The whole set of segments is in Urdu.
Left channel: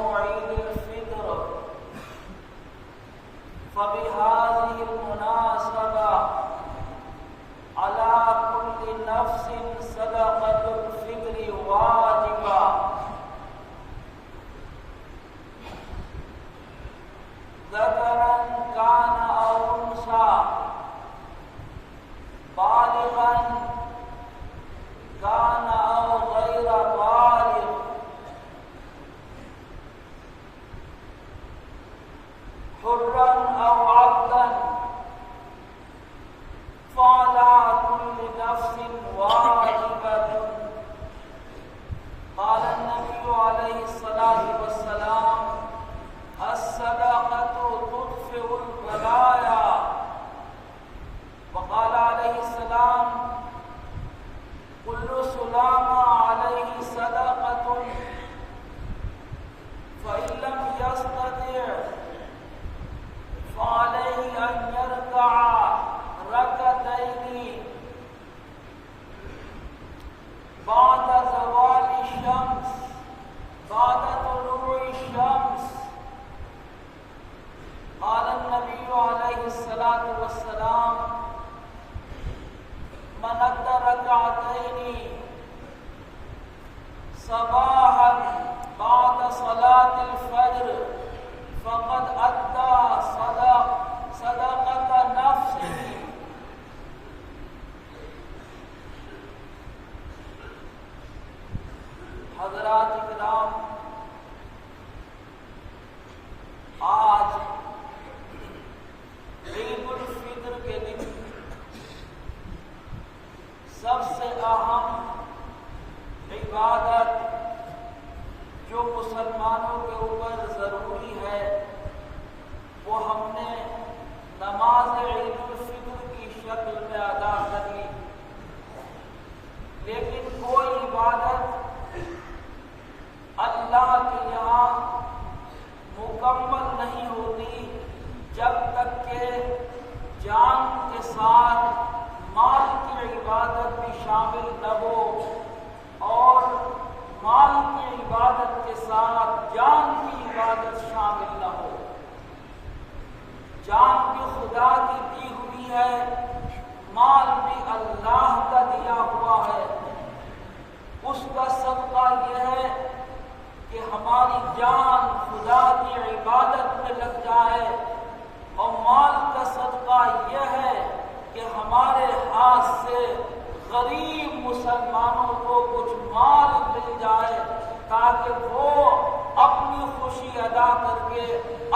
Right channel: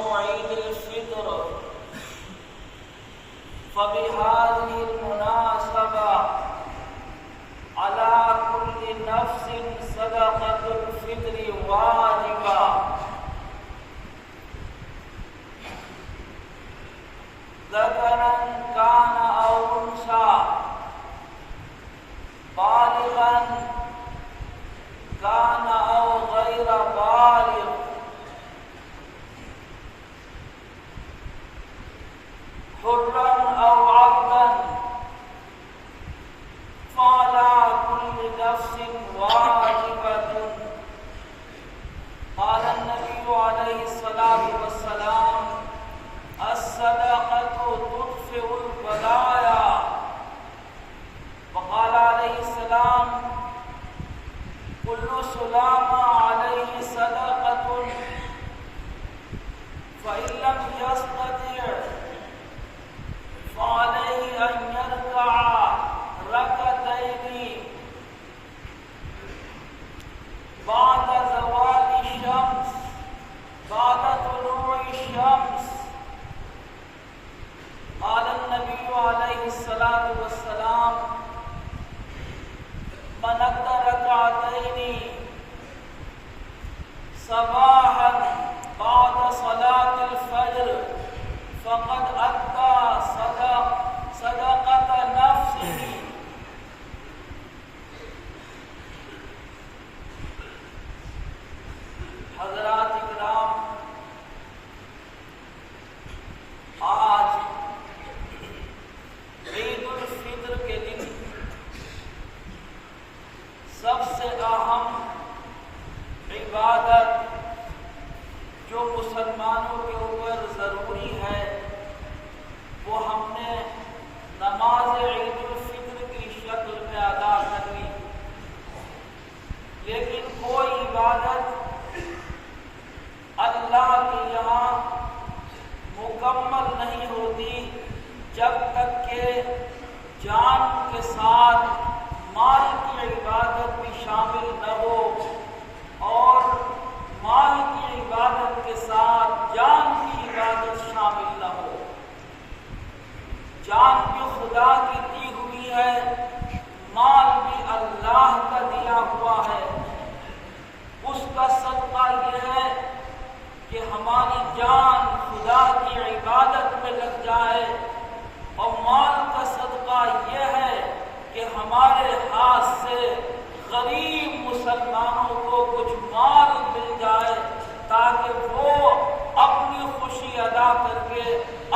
يوم عيد الفطر فبهذه المناسبة على كل نفس صدقة الفطر واجبة ذكرا كان أو أنثى بالغا كان أو غير بالغ حرا أو عبدا فعلى كل نفس واجبة. قال النبي عليه الصلاة والسلام الصدقة تطفئ البلايا. وقال عليه السلام كل سلام عليه صدقة فإن لم يستطع فعليه أن يركع ركعتين بعد زوال الشمس بعد طلوع الشمس. قال النبي عليه الصلاة والسلام من أدى ركعتين صباحا بعد صلاة الفجر فقد أدى صدقة نفسه. حضرات کرام، آج عید الفطر کے دن سب سے اہم عبادت جو مسلمانوں کے اوپر ضروری ہے وہ ہم نے نماز عید الفطر کی شکل میں ادا کر لی. لیکن کوئی عبادت اللہ کے یہاں مکمل نہیں ہوتی جب تک کہ جان کے ساتھ مال کی عبادت بھی شامل نہ ہو اور مال کی عبادت کے ساتھ جان کی عبادت شامل نہ ہو. جان بھی خدا کی دی ہوئی ہے، مال بھی اللہ کا دیا ہوا ہے. اس کا صدقہ یہ ہے کہ ہماری جان خدا کی عبادت میں لگ جائے، اور مال کا صدقہ یہ ہے کہ ہمارے ہاتھ سے غریب مسلمانوں کو کچھ مال مل جائے تاکہ وہ اپنی خوشی ادا کر کے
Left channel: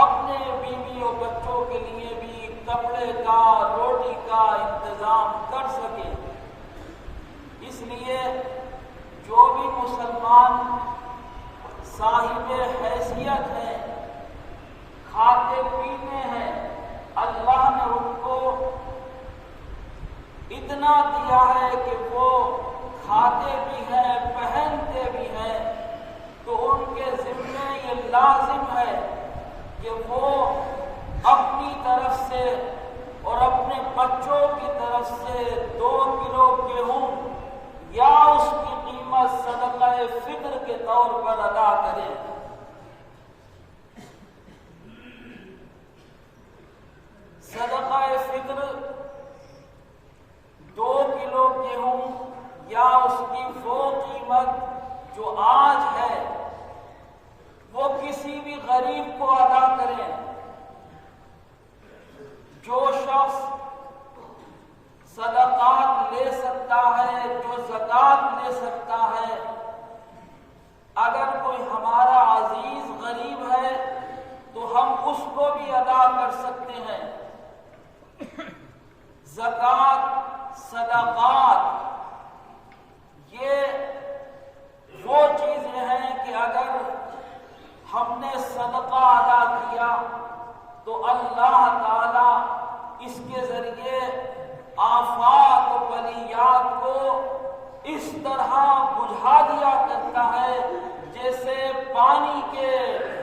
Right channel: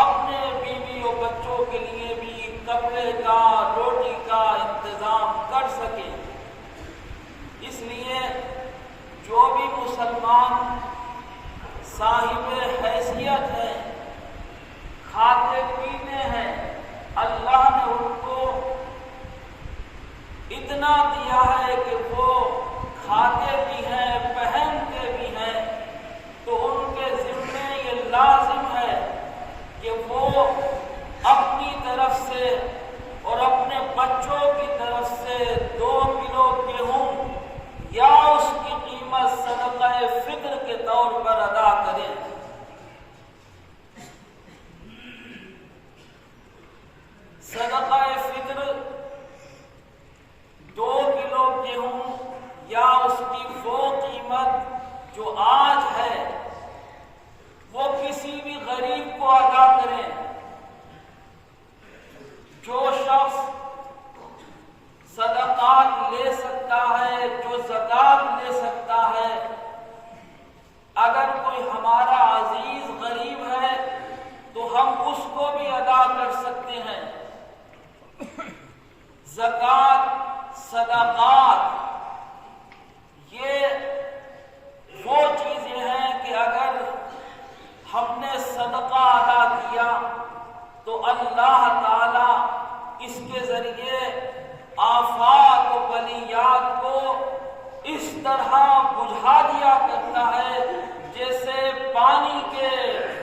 اپنے بیوی اور بچوں کے لیے بھی کپڑے کا روٹی کا انتظام کر سکیں. اس لیے جو بھی مسلمان صاحب حیثیت ہیں، کھاتے پیتے ہیں، اللہ نے ان کو اتنا دیا ہے کہ وہ کھاتے بھی ہیں پہنتے بھی ہیں، تو ان کے ذمے یہ لازم ہے کہ وہ اپنی طرف سے اور اپنے بچوں کی طرف سے 2 کلو گیہوں یا اس کی قیمت صدقہ فطر کے طور پر ادا کریں. صدقہ فطر 2 کلو گیہوں یا اس کی وہ قیمت جو آج ہے وہ کسی بھی غریب کو ادا کریں. جو شخص صدقات لے سکتا ہے، جو زکوٰۃ لے سکتا ہے، اگر کوئی ہمارا عزیز غریب ہے تو ہم اس کو بھی ادا کر سکتے ہیں. زکوٰۃ، صدقات یہ وہ چیزیں ہیں کہ اگر ہم نے صدقہ ادا کیا تو اللہ تعالی اس کے ذریعے آفات و بلیات کو اس طرح بجھا دیا کرتا ہے جیسے پانی کے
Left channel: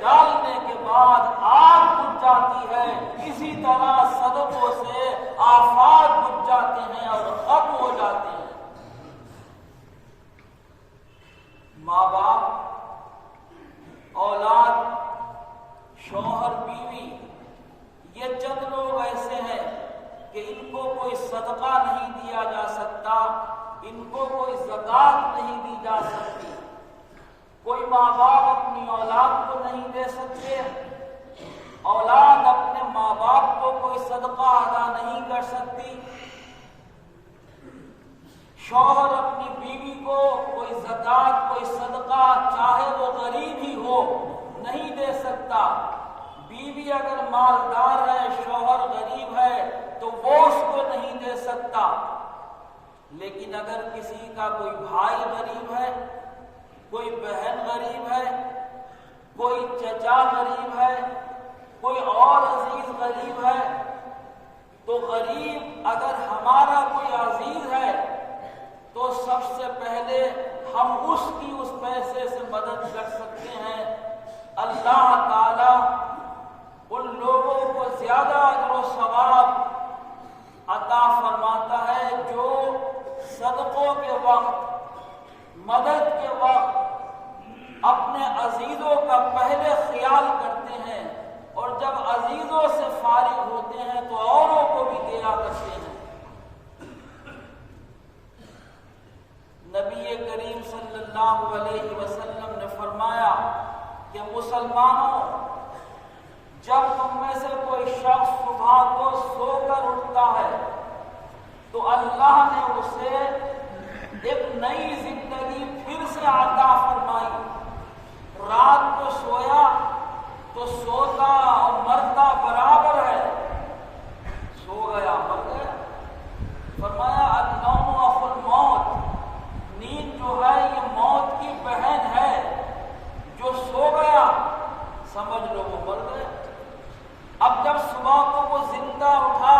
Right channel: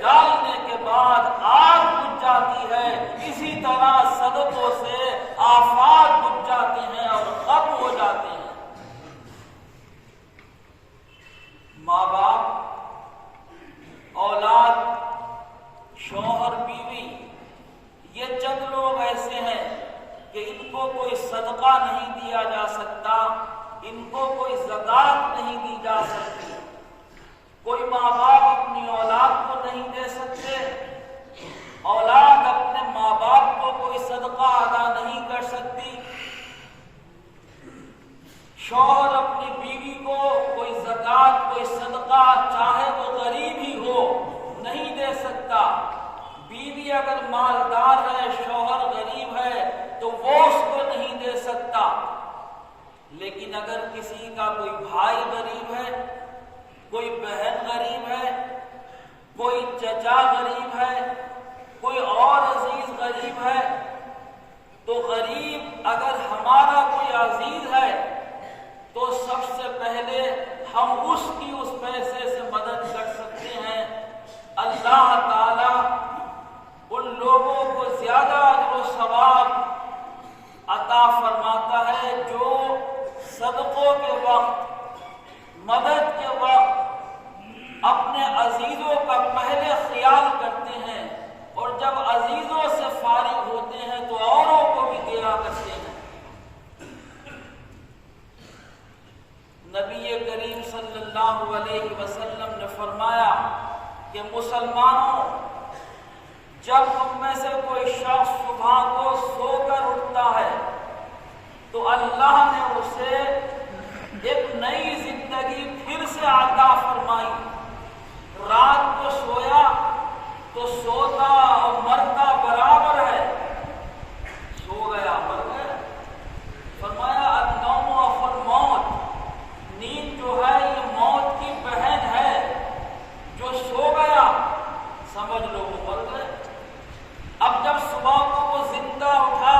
ڈالنے کے بعد آگ بجھ جاتی ہے. اسی طرح صدقوں سے آفات بجھ جاتے ہیں اور ختم ہو جاتے ہیں. ماں باپ اولاد، شوہر، بیوی، یہ چند لوگ ایسے ہیں کہ ان کو کوئی صدقہ نہیں دیا جا سکتا، ان کو کوئی زکوٰۃ نہیں دی جا سکتی، کوئی ماں باپ اپنی اولاد کو نہیں دے سکتے، اولاد اپنے ماں باپ کو کوئی صدقہ ادا نہیں کر سکتی، شوہر اپنی بیوی کو کوئی زکوٰۃ، کوئی صدقہ چاہے وہ غریب ہی ہو نہیں دے سکتا، بیوی اگر مالدار ہے، شوہر غریب ہے تو وہ اس کو نہیں دے سکتا۔ لیکن اگر کسی کا کوئی بھائی غریب ہے، کوئی بہن غریب ہے، کوئی چچا غریب ہے، کوئی اور عزیز غریب ہے، تو غریب اگر ہمارا کوئی عزیز ہے تو سب سے پہلے ہم اس کی اس پیسے سے مدد کر سکتے ہیں۔ اللہ تعالی ان لوگوں کو زیادہ اجر و ثواب عطا فرماتا ہے جو صدقوں کے وقت، مدد کے وقت اپنے عزیزوں کا پہلے خیال کرتے ہیں، اور جب عزیزوں سے فارغ ہوتے ہیں تو اوروں کو بھی دیا کرتے ہیں۔ نبی کریم صلی اللہ علیہ وسلم نے فرمایا کہ مسلمانوں، جب تم میں سے کوئی شخص صبح کو سو کر اٹھتا ہے تو اللہ نے اسے ایک نئی زندگی پھر سے عطا فرمائی۔ رات کو سویا تو سوتا اور مرتا برابر ہے، سو گیا مر گیا۔ فرمایا النوم اخو الموت، نیند جو ہے یہ موت کی بہن ہے، جو سو گیا سمجھ لو وہ مر گئے۔ اب جب صبح کو وہ زندہ اٹھا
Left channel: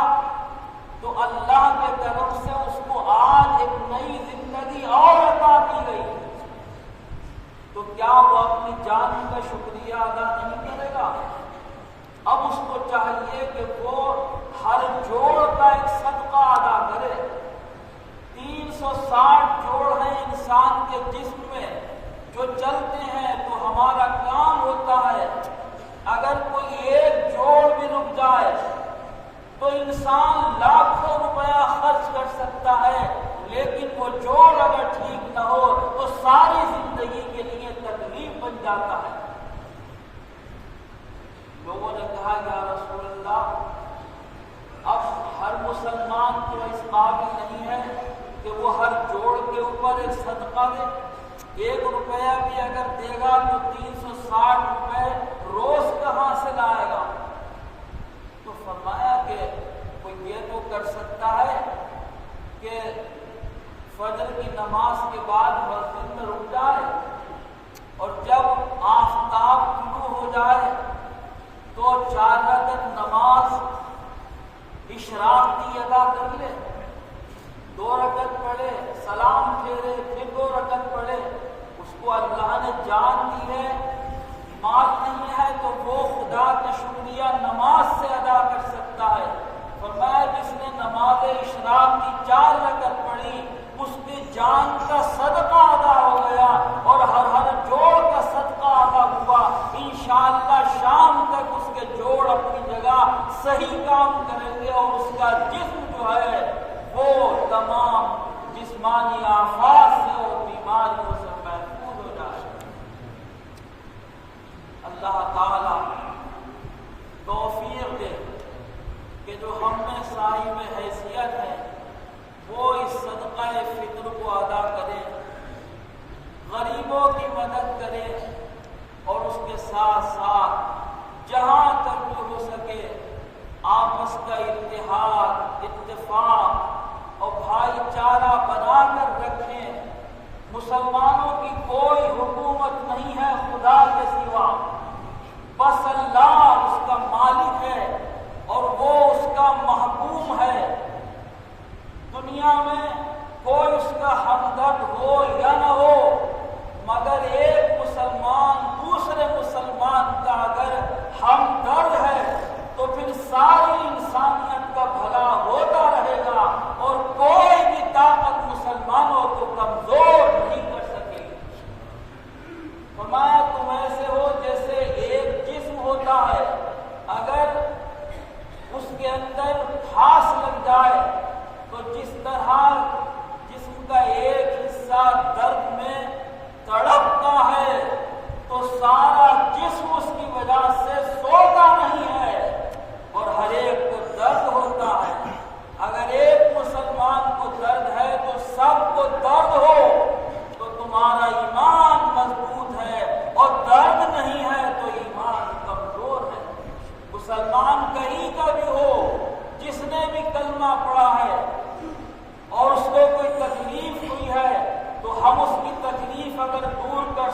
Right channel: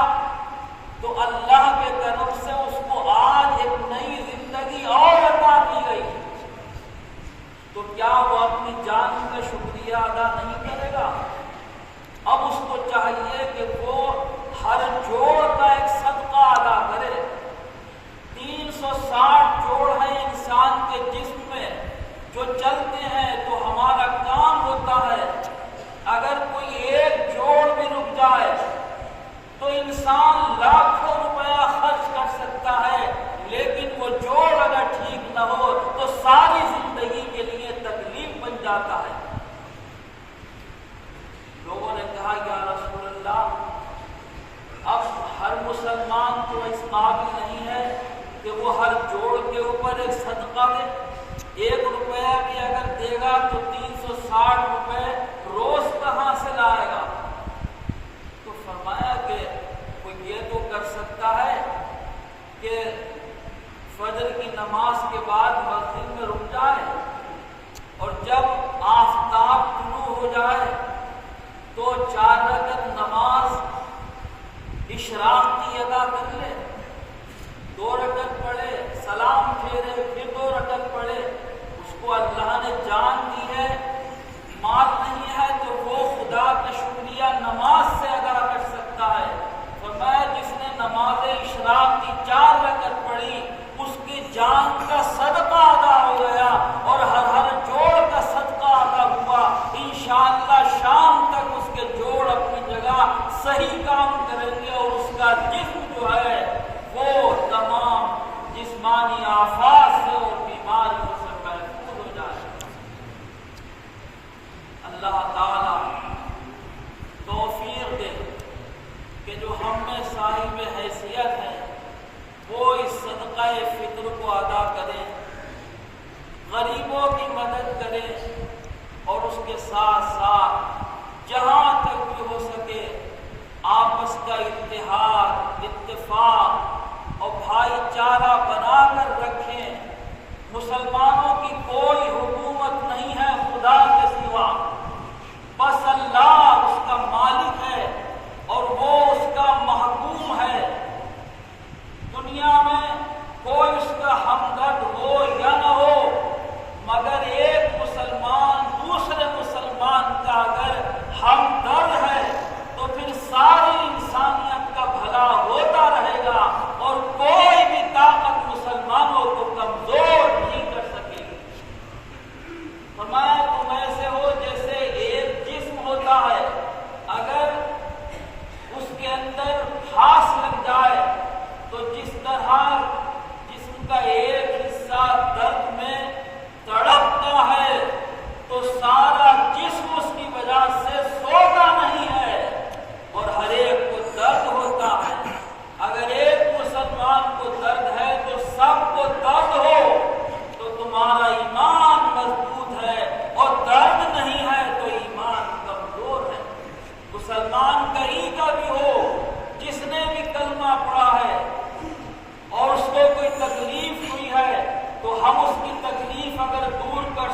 تو اللہ کے طرف سے اس کو آج ایک نئی زندگی اور عطا کی گئی، تو کیا وہ اپنی جان کا شکریہ ادا نہیں کرے گا؟ اب اس کو چاہیے کہ وہ ہر جوڑ کا ایک صدقہ ادا کرے۔ 360 جوڑ ہیں انسان کے جسم میں جو چلتے ہیں تو ہمارا کام ہوتا ہے، اگر کوئی ایک جوڑ بھی رک جائے تو انسان لاکھوں روپیہ خرچ کر سکتا ہے، لیکن وہ جوڑ اگر ٹھیک نہ ہو تو ساری زندگی کے لیے تکلیف بن جاتا ہے۔ لوگوں نے کہا یا رسول اللہ، اب ہر مسلمان تو اس قابل نہیں ہے کہ وہ ہر جوڑ کے اوپر ایک صدقہ دے، 1 روپیہ بھی اگر دے گا تو 360 روپے روز کہاں سے لائے گا؟ تو فرمایا کہ کوئی یہ تو کر سکتا ہے کہ فجر کی نماز کے بعد مسجد میں رک جائے اور جب آفتاب طلوع ہو جائے تو 4 رکعت نماز اشراق کی ادا کر لے، 2 رکعت پڑھے، سلام پھیرے، پھر 2 رکعت پڑھے۔ اس کو اللہ نے جان دی ہے، مال نہیں ہے تو وہ خدا کا شکریہ نماز سے ادا کر سکتا ہے۔ فرمایا جس نے نماز اشراق کی 4 رکعت پڑھی اس کی جان کا صدقہ ادا ہو گیا اور ہر جوڑ کا صدقہ ادا ہوا۔ انشاءاللہ شام تک اس کے جوڑ اپنی جگہ صحیح کام کریں گے اور اس کا جسم جو ہے وہ تمام جسمانی آفات سے اور بیماریوں سے محفوظ ہو جائے۔ اللہ تعالی توفیق دے کہ جو ہم میں صاحب حیثیت ہے وہ اس صدقہ فطر کو ادا کریں، غریبوں کی مدد کریں، اور اس کے ساتھ ساتھ جہاں تک بھی ہو سکے آپس کا اتحاد، اتفاق اور بھائی چارہ بنا کر رکھیں۔ مسلمانوں کی کوئی حکومت نہیں ہے خدا کے سوا، بس اللہ اس کا مالک ہے اور وہ اس کا محکوم ہے۔ دنیا میں کوئی اس کا ہمدرد ہو یا نہ ہو، مگر ایک مسلمان دوسرے مسلمان کا اگر ہمدرد ہے تو پھر ساری انسانیت کا بھلا ہوتا رہے گا اور کوئی بھی طاقت مسلمانوں کو کمزور نہیں کر سکے گی۔ فرمایا تم ایسے ہو جیسے ہوتا ہے، اگر اس کے اندر گھاس لگ جائے تو جس طرح جسم کا ایک حصہ درد میں تڑپتا ہے تو سارا جسم اس کی وجہ سے سوتا نہیں ہے اور ہر ایک کو درد ہوتا ہے۔ اگر ایک مسلمان کو درد ہے تو سب کو درد ہو تو تمہارا ایمان مضبوط ہے، اور درد نہیں ہے تو ایمان کمزور ہے۔ مسلمان کہیں کا بھی ہو، جس نے بھی کلمہ پڑھا ہے اور اس کو کوئی تکلیف ہوئی ہے تو ہم اس کی تکلیف اگر دور کر